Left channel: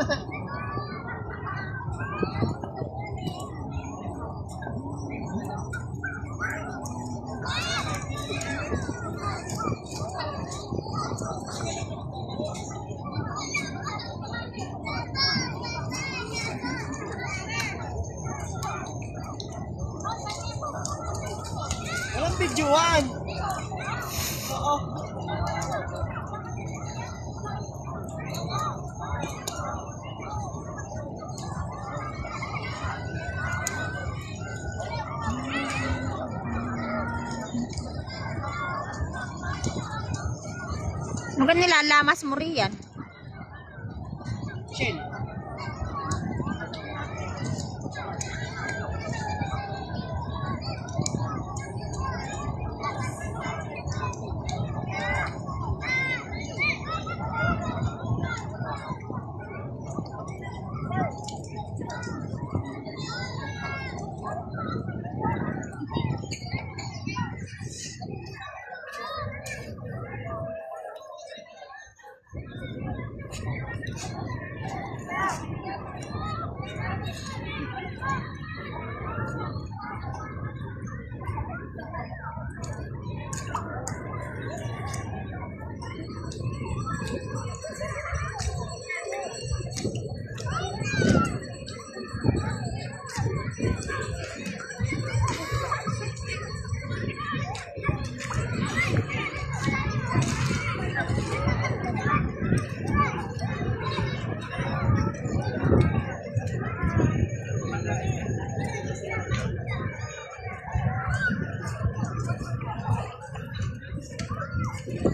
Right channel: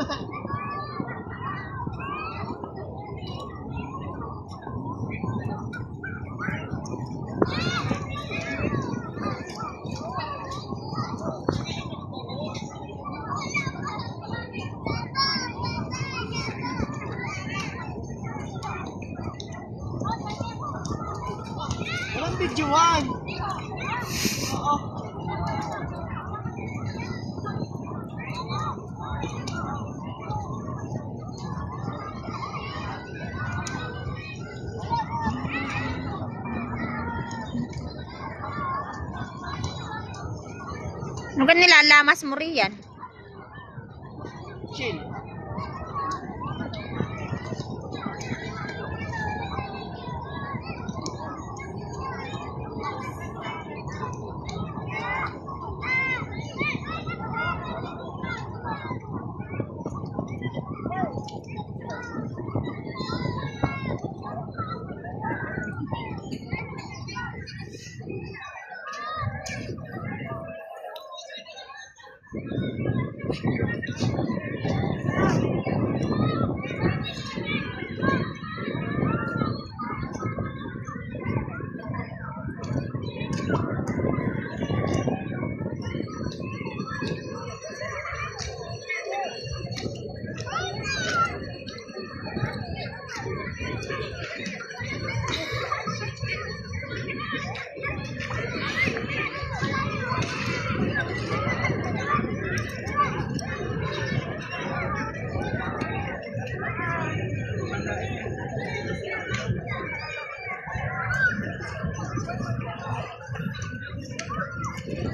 Walang videoan. Oo. Ano ka nilalamas mo riyan? Chill.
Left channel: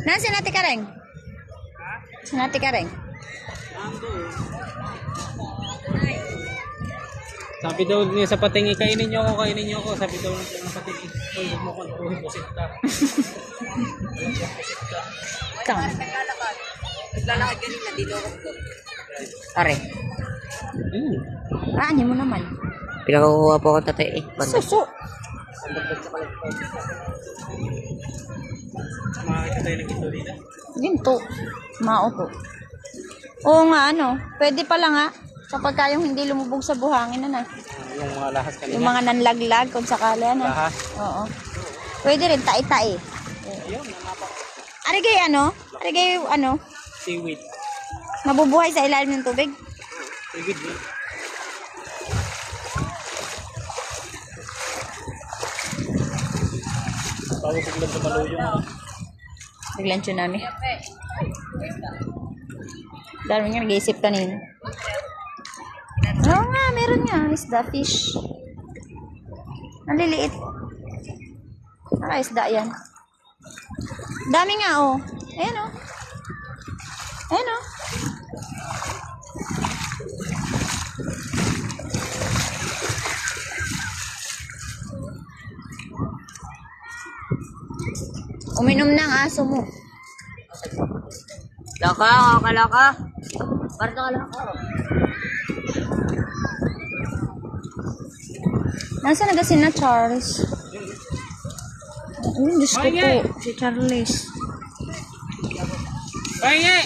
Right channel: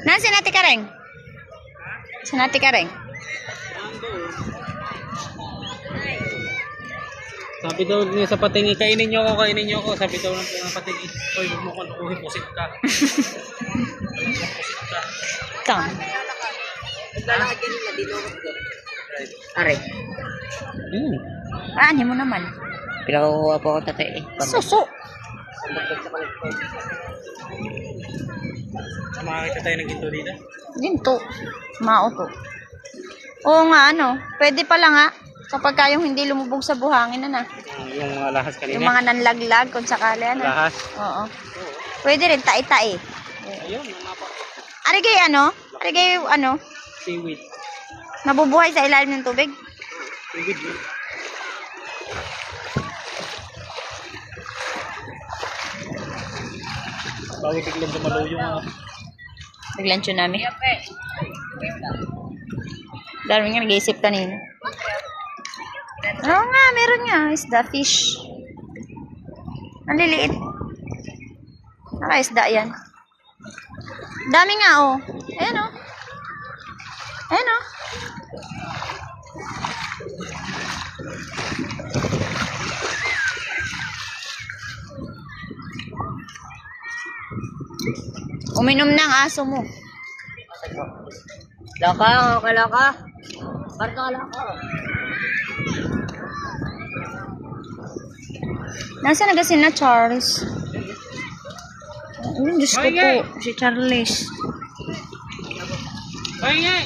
Na, sinati ka rin? Sinati ka rin? Sabi daw niya sa patingi, kainin niyo ako. Sabi daw ng patingi, hoy, huwag mo ko pusit ka. Kang. Lalagyan nila dito ko. Are. Ano mo naman? Pinakukuha po ako tatay. Suso. Makakita tayo ng ginto dito. Ginto. Mauto. Oo nga, ano. Pwede pala nga. Kapag kayong hindi lumubog sa buhangin, na. Yung mga lahas kanina. Yung mga nanlaglag, kung sakali, ano. Lahas. Oo. Pwede rin, tai-tai. Ayun. Arigay, ano. Seaweed. Nabubuhay sa ilalim ng tubig. Seaweed. Bago biglang dumalo yung... Biglang tsunami. Dami nga nag-iisip kanina. Oo nga, meron nga. Isda, fish. Naliliit. Naka-isda yan. Dami nga, oh. Ayan, oh. Ayan, oh. Uminom ng aso mo. Laka, kalaka. Parto kalaka. Nasaan na na Charles? Diyos ko po. Si Charles. Ay,